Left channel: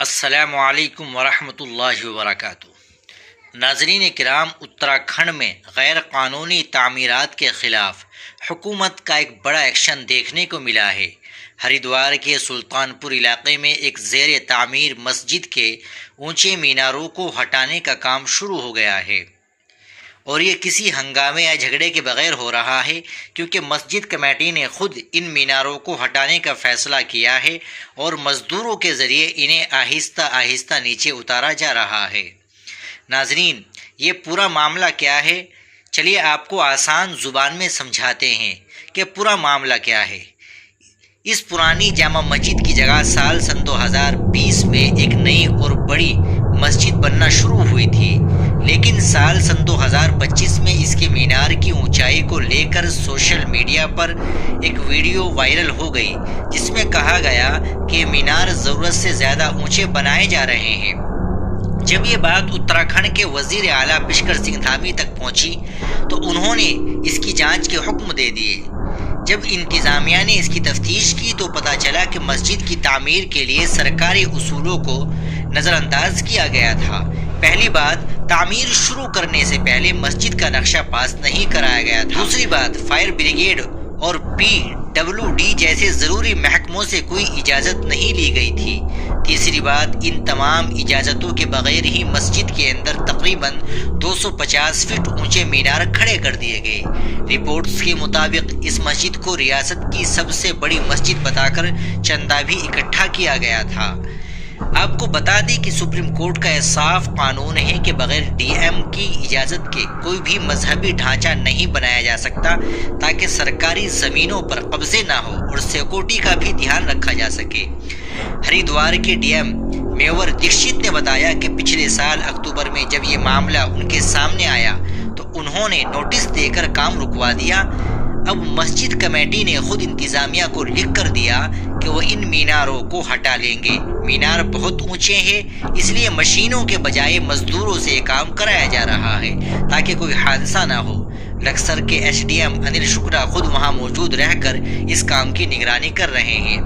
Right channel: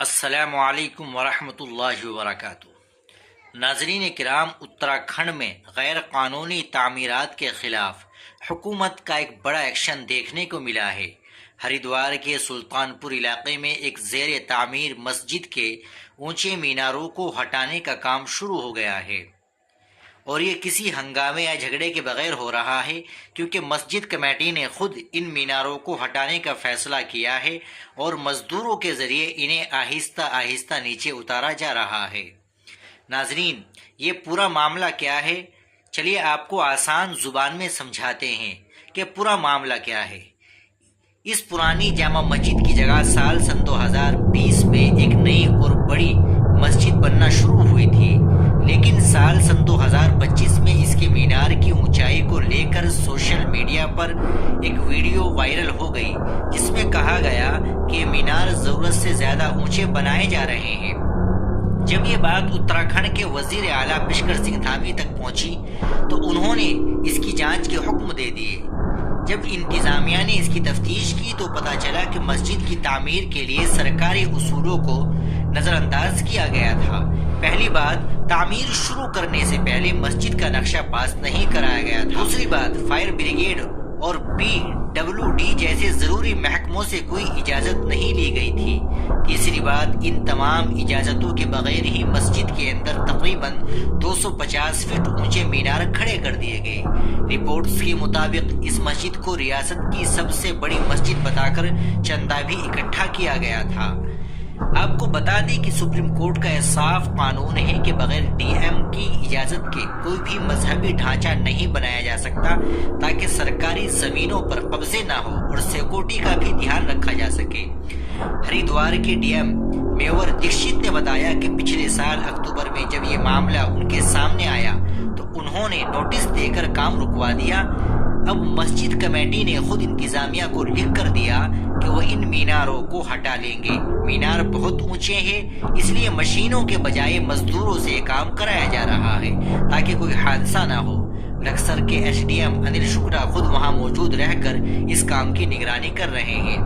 السلام علیکم ورحمۃ اللہ وبرکاتہ۔ ناظرین کرام، اتراکھنڈ میں غیر قانونی تعمیرات کے خلاف حکومت کا ایک بڑا ایکشن دیکھنے کو ملا ہے۔ ہریدوار کے سلطان پور علاقے میں ایک زیر تعمیر مسجد کے اونچے میناروں کو ہٹانے کا کام شروع ہو گیا ہے، اور یہ کسی ہنگامے یا جھگڑے کے بغیر ہو رہا ہے، کیونکہ مسجد کمیٹی نے خود ان میناروں کو ہٹانے کا فیصلہ کیا ہے اور مزدوروں کے ذریعے انہیں آہستہ آہستہ نیچے اتارا جا رہا ہے۔ ناظرین، یہ پورا معاملہ کیا ہے؟ چلیے آپ کو آسان زبان میں سمجھاتے ہیں کہ پورا معاملہ کیا ہے۔ اس پرانی جامع مسجد کی جگہ سال 2020 میں ایک نئی اور بڑی مسجد بننا شروع ہوئی تھی، لیکن سال 2025 میں اس کے مینار کی اونچائی کو لے کر سوشل میڈیا پر ایک ویڈیو وائرل ہو گئی، جس میں کہا گیا کہ مینار ضرورت سے زیادہ اونچے بنائے جا رہے ہیں۔ جب یہ بات اتراکھنڈ کے وزیر اعلیٰ پشکر سنگھ دھامی تک پہنچی تو انہوں نے اس کی جانچ کے حکم دے دیے۔ جب انتظامیہ نے اس کی تفتیش کی تو پتہ چلا کہ مسجد کی تعمیر کے لیے سرکاری اصولوں کو نظر انداز کیا گیا تھا۔ پہلی بات، تعمیر شروع کرنے سے پہلے مسجد کا نقشہ پاس نہیں کرایا گیا تھا۔ دوسری بات، فائر بریگیڈ اور PWD جیسے ضروری محکموں سے کوئی اجازت نہیں لی گئی تھی۔ تیسری بات، ان تمام اجازتوں کے بغیر ہی مسجد کے اندر تقریباً 250 فٹ اونچے مینار کھڑے کر دیے گئے۔ رپورٹس کے مطابق اس مسجد کو ریاست کی سب سے بڑی مسجد بتا کر چندہ بھی اکٹھا کیا گیا تھا۔ آپ کو بتا دیں کہ سپریم کورٹ کا یہ صاف قانون ہے کہ بغیر DM کی اجازت کے کوئی بھی مذہبی ڈھانچہ نہیں بنایا جا سکتا، تاکہ سرکاری زمینوں پر قبضے نہ ہو اور سیکورٹی کا بھی دھیان رکھا جا سکے۔ ہریدوار کے DM میور دکشت نے بتایا کہ پچھلے سال اکتوبر میں جب یہ معاملہ ان کے سامنے آیا تو انہوں نے نوٹس دے کر کام رکوا دیا۔ اب مسجد کمیٹی نے خود انتظامیہ کو لکھ کر دیا کہ وہ ان میناروں کو ہٹا لیں گے۔ مینار بہت اونچے ہیں، اس لیے مشینوں کے بجائے مزدوروں سے یہ کام کرایا جا رہا ہے تاکہ کوئی حادثہ نہ ہو۔ لکسر کے SDM انل شکلا خود وہاں موجود رہ کر اس کام کی نگرانی کر رہے ہیں۔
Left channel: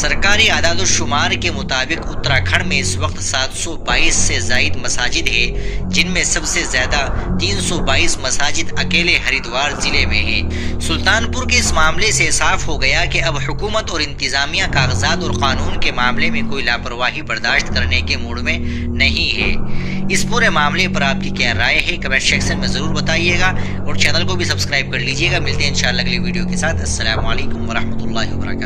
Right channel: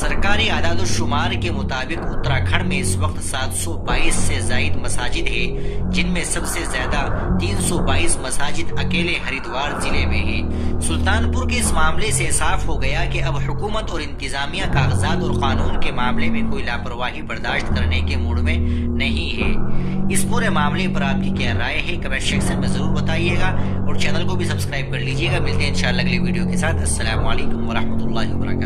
سرکاری اعداد و شمار کے مطابق اتراکھنڈ میں اس وقت 722 سے زائد مساجد ہیں، جن میں سب سے زیادہ 322 مساجد اکیلے ہریدوار ضلع میں ہیں۔ سلطان پور کے اس معاملے سے صاف ہو گیا کہ اب حکومت اور انتظامیہ کاغذات اور قانون کے معاملے میں کوئی لاپرواہی برداشت کرنے کے موڈ میں نہیں ہے۔ اس پورے معاملے پر آپ کی کیا رائے ہے؟ کمنٹ سیکشن میں ضرور بتائیے گا، اور چینل کو بھی سبسکرائب کر لیجیے گا۔ ملتے ہیں انشاءاللہ اگلی ویڈیو کے ساتھ۔ السلام علیکم ورحمۃ اللہ وبرکاتہ۔